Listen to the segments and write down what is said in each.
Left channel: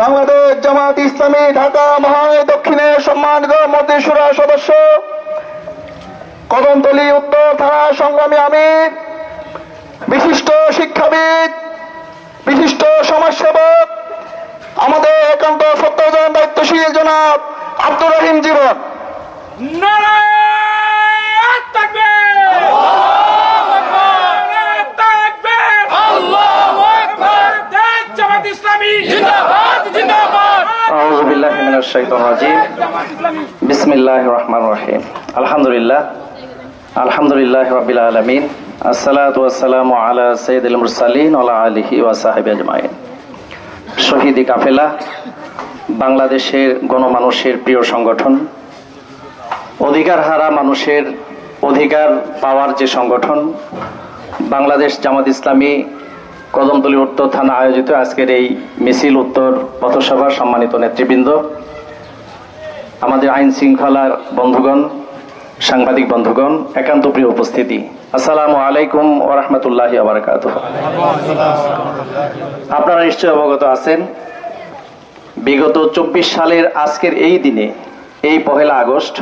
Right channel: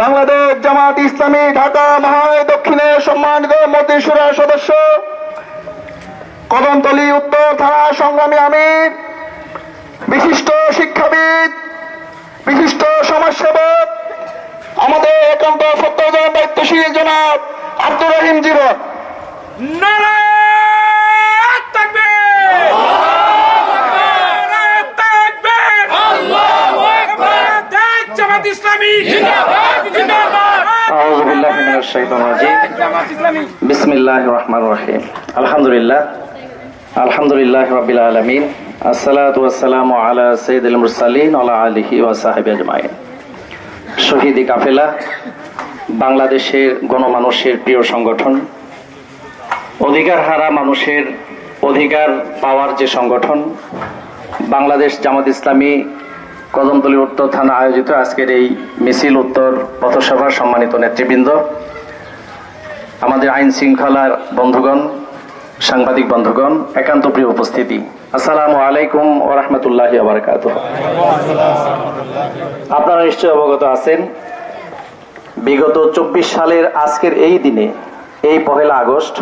বাংলাদেশ জামাত ইসলামী ঢাকা মহানগর দক্ষিণের সম্মানিত মন্ত্রিসভার সদস্য, কদমতলী উত্তর থানা সংগ্রামী আমির, বিশিষ্ট শিক্ষাবিদ, বিশিষ্ট সমাজসেবক, আমাদের একান্ত সত্যজন দায়িত্বশীল জনাব আব্দুর রহিম জীবন। বিসমিল্লাহির রহমানির রহিম। আলহামদুলিল্লাহ রাব্বিল আলামিন, আসসালাতু ওয়াসসালামু আলা সাইয়্যিদিল মুরসালিন ওয়া আলা আলিহি ওয়া সাহবিহি আজমাইন। শহীদি কাফেলা বাংলাদেশের গণমানুষের প্রিয় সংগঠন, অধিকার হারা মানুষের অধিকার পাওয়ার যে সংগঠন, বাংলাদেশ জামাত ইসলামী কদমতলী উত্তর থানা আয়োজিত আজকের এই মিছিল উত্তর পথসভার সম্মানিত নেতৃবৃন্দ, আমাদের আইন শৃঙ্খলার বন্ধুগণ, সাংবাদিক বন্ধুগণ, একান্ত প্রিয় উপস্থিতি, আসসালামু আলাইকুম ওয়া রাহমাতুল্লাহি ওয়া বারাকাতুহু। আপনারা নিশ্চয় অবগত আছেন, বিগত 24 সালের আজকের এই দিনে, এই 1 আগস্ট,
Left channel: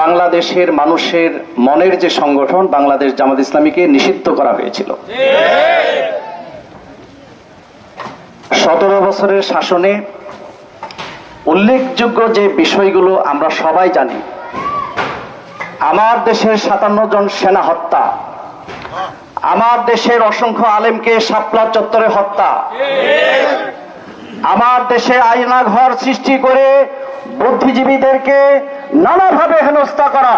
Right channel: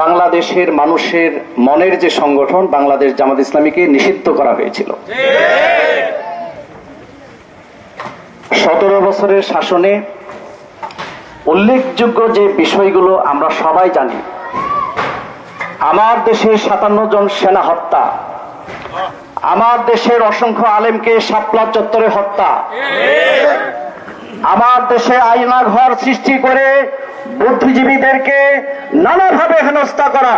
বাংলাদেশের মানুষের মনের যে সংগঠন বাংলাদেশ জামাত ইসলামীকে নিষিদ্ধ করা হয়েছিল। 17 বছরের শাসনে উল্লেখযোগ্য যে বিষয়গুলো আমরা সবাই জানি, আমার দেশের 57 জন সেনা হত্যা, আমার দেশের অসংখ্য আলেমকে শাপলা চত্বরে হত্যা, আমার দেশের আয়নাঘর সৃষ্টি করে বুদ্ধিজীবীদেরকে নানাভাবে হেনস্থা করা,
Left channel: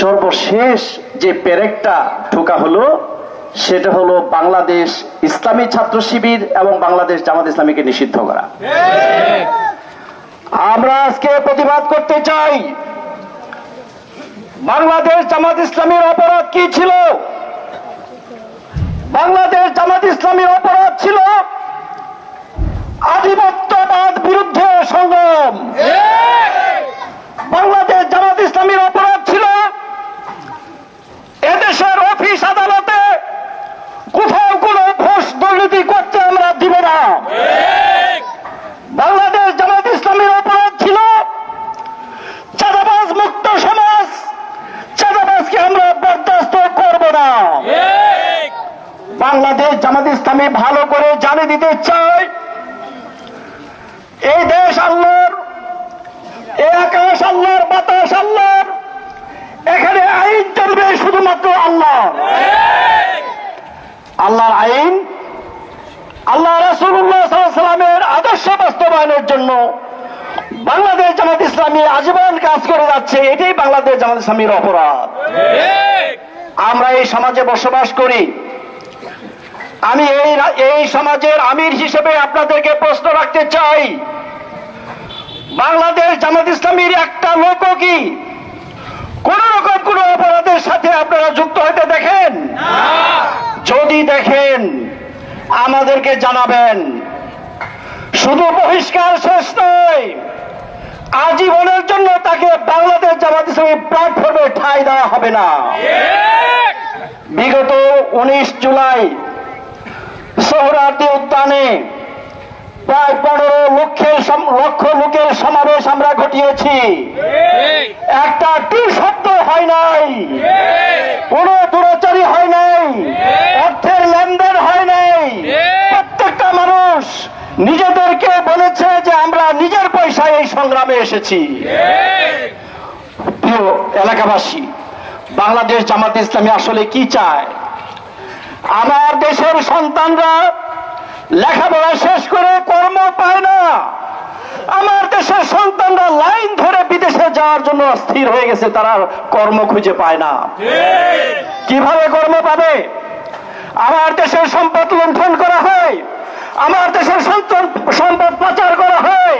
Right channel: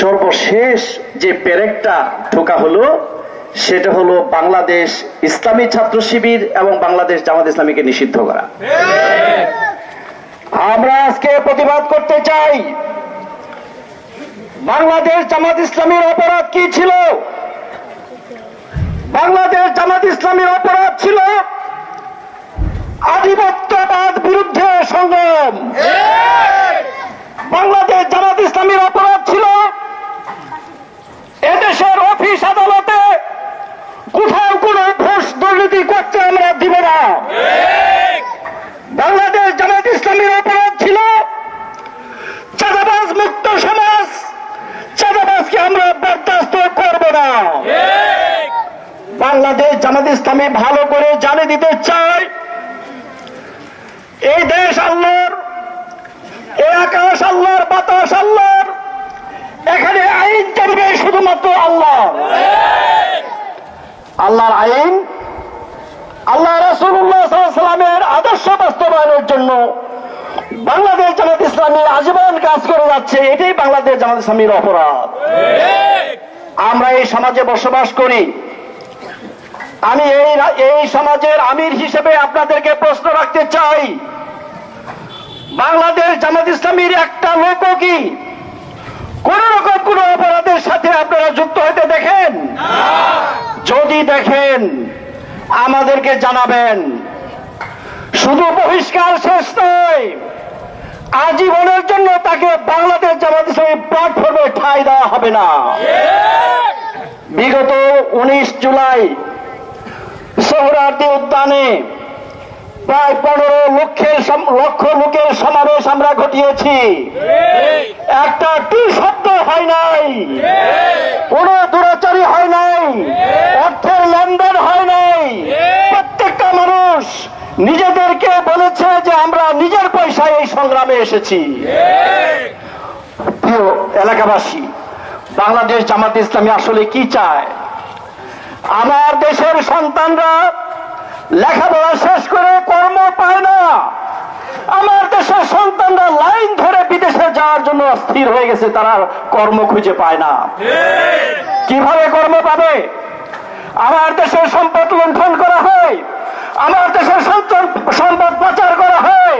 সর্বশেষ যে পেরেকটা ঢোকা হলো সেটা হলো বাংলাদেশ ইসলামী ছাত্র শিবির এবং বাংলাদেশ জামাত ইসলামীকে নিষিদ্ধ করা। আমরা আজকে প্রতিবাদ করতে চাই, বাংলাদেশ জামাত ইসলামীর অপরাধ কি ছিল? বাংলাদেশ জামাত ইসলামীর অপরাধ ছিল আধিপত্যবাদ বিরুদ্ধে সংগ্রাম। বাংলাদেশ জামাত ইসলামীর অপরাধ ছিল এদেশের অফিস আদালতে কোথাও কোনো ঘুষ দুর্নীতি করতে আমরা দিব না। বাংলাদেশ জামাত ইসলামীর অপরাধ ছিল চাঁদাবাজ মুক্ত সমাজ, চাঁদাবাজকে আমরা বরদাস্ত করব না। বাংলাদেশ জামাত ইসলামী ভালো করে জানিয়ে দিতে চায়, এই দেশ আল্লাহর, এই আকাশ আল্লাহর, বাতাস আল্লাহর, এখানে আইন চলবে শুধুমাত্র আল্লাহ। আল্লাহর আইন, আল্লাহ রাসূলুল্লাহ সাল্লাল্লাহু আলাইহি ওয়াসাল্লামের আদর্শ বাস্তবায়নের জন্য বাংলাদেশ জামাত ইসলামী আজীবন কাজ করে যাচ্ছে। এটাই বাংলাদেশ জামাত ইসলামীর অপরাধ। আমরা এই সমাজে বসবাস করি। আমি এই সমাজের আমির হিসেবে আপনাদেরকে প্রশ্ন রাখতে চাই, বাংলাদেশ জামাত ইসলামীর একটা লোক কি কোন রকম কোন অপরাধের সাথে আপনারা যুক্ত হতে দেখেন? যদি দেখেন আমাদেরকে জানাবেন। শুধু বহিষ্কার শেষ নয়, আজীবনের জন্য তাকে বাংলাদেশ জামাত ইসলামী প্ল্যাটফর্মে ঠাঁই দেওয়া হবে না। বিগত 19 জুলাই সোহরাওয়ার্দী উদ্যানে প্রায় 15 লক্ষ লোকের সমাবেশ আমরা ঘটিয়েছি। একটা টু শব্দ হয় নাই, কোন দুরাচারী হয় নাই, অর্থের লেনদেন হয় নাই। প্রত্যেকটা মানুষ নিজেদেরকে বলেছে যে আমরা নিজের পয়সায় এই সংগ্রামে এসেছি। প্রিয় এলাকাবাসী, বাংলাদেশ জামাত ইসলামী আসলে কি চায়? আমার দেশের সন্তানরা লেখাপড়া শেষ করে কর্ম পায় না। আমার দেশের সন্তানরা লাইন ধরে বিদেশে যাওয়ার জন্য স্থির হয়ে গেছে, তারা কর্ম খুঁজে পায় না। কিভাবে কর্ম পাবে? আমার দেশের সম্পদ লুণ্ঠন করা হয়, আমার দেশের সম্পদ পাচার করা হয়,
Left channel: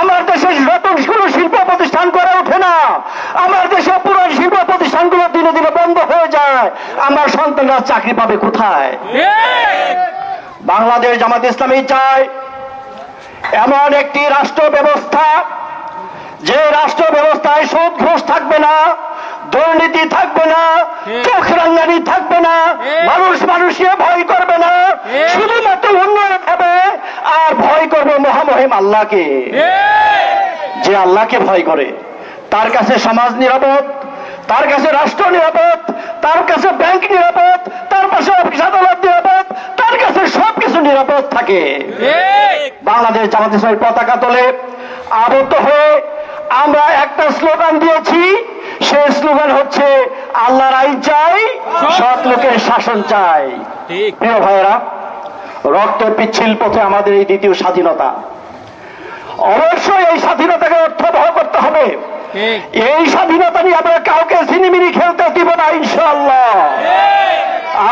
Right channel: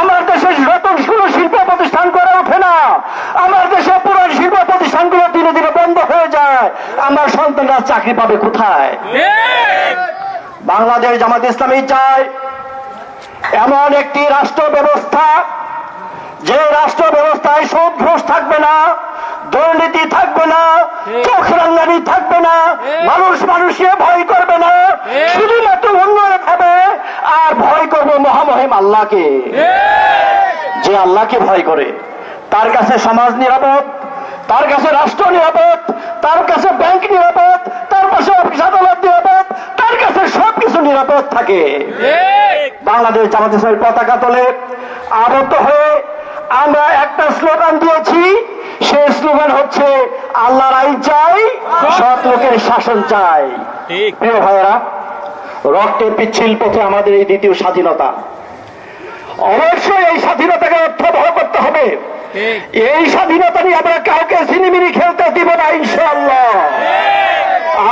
আমার দেশের নতুন শুরু শিল্প প্রতিষ্ঠান করা ওঠে না, আমার দেশে পুরো শিল্প প্রতিষ্ঠানগুলো দিনে দিনে বন্ধ হয়ে যায়। আমার সন্তানরা চাকরি পাবে কোথায়? বাংলাদেশ জামাত ইসলামী চায় এমন একটি রাষ্ট্র ব্যবস্থা, যে রাষ্ট্র ব্যবস্থায় সুদ ঘুষ থাকবে না, দুর্নীতি থাকবে না, চোখরাঙ্গানি থাকবে না, মানুষ মানুষকে ভয় করবে না, শুধুমাত্র উন্নয়ন হবে। ইব্রাহিম আল্লাহকে, যে আল্লাহকে ভয় করে তার কাছে সমাজ নিরাপদ, তার কাছে রাষ্ট্র নিরাপদ, তার কাছে ব্যাংক নিরাপদ, তার কাছে অফিস আদালত নিরাপদ, তার কাছে সবকিছু নিরাপদ থাকে। বাংলাদেশ জামাত ইসলামীর পতাকা তলে আবদ্ধ হয়ে আমরা একটা স্লোগান দিয়েছি, সেই স্লোগান হচ্ছে আল্লাহর আইন চাই, সৎ লোকের শাসন চাই। প্রিয় ভাইয়েরা, রক্ত পিচ্ছিল পথে আমাদের এই দ্বিতীয় স্বাধীনতা, অবশ্যই এই স্বাধীনতাকে অর্থবহ করতে হবে। এই স্বাধীনতা নিয়ে আমরা কাউকে ছিনিমিনি খেলতে দিব না ইনশাআল্লাহ।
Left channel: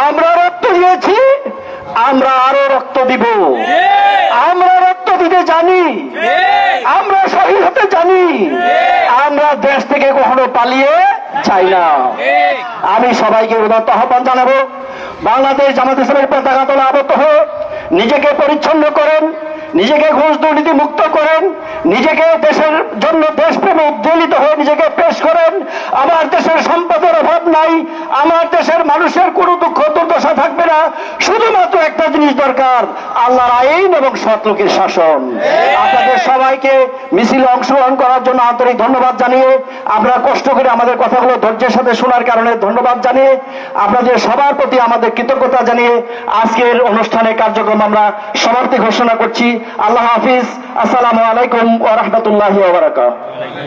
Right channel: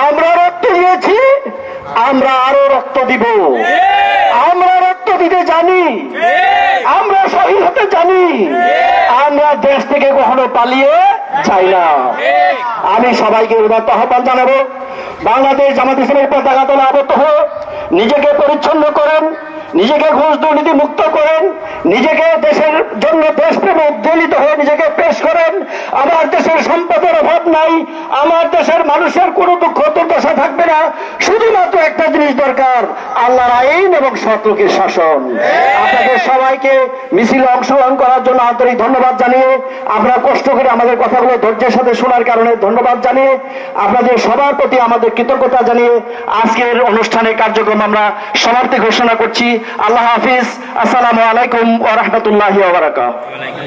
আমরা রক্ত দিয়েছি, আমরা আরো রক্ত দিব। আমরা রক্ত দিতে জানি, আমরা শহীদ হতে জানি, আমরা দেশ থেকে কখনো পালিয়ে চাই না। আমি সবাইকে উদাত্ত আহ্বান জানাবো, বাংলাদেশ জামাত ইসলামীর পতাকা তলে আবদ্ধ হয়ে নিজেকে পরিচ্ছন্ন করেন, নিজেকে ঘুষ দুর্নীতি মুক্ত করেন, নিজেকে দেশের জন্য দেশপ্রেমে উদ্বেলিত হয়ে নিজেকে পেশ করেন। আমার দেশের সম্পদের অভাব নাই, আমার দেশের মানুষের কোনো দুঃখ দুর্দশা থাকবে না। শুধুমাত্র একটা জিনিস দরকার, আল্লাহর আইন এবং সৎ লোকের শাসন। আপনাদের সবাইকে মিছিলে অংশগ্রহণ করার জন্য আন্তরিক ধন্যবাদ জানিয়ে, আপনারা কষ্ট করে আমাদের কথাগুলো ধৈর্যের সাথে শোনার কারণে ধন্যবাদ জানিয়ে, আপনাদের সবার প্রতি আমাদের কৃতজ্ঞতা জানিয়ে আজকের অনুষ্ঠানের কার্যক্রম আমরা সমাপ্তি ঘোষণা করছি। আল্লাহ হাফিজ। আসসালামু আলাইকুম ওয়া রাহমাতুল্লাহি ওয়া বারাকাতুহু।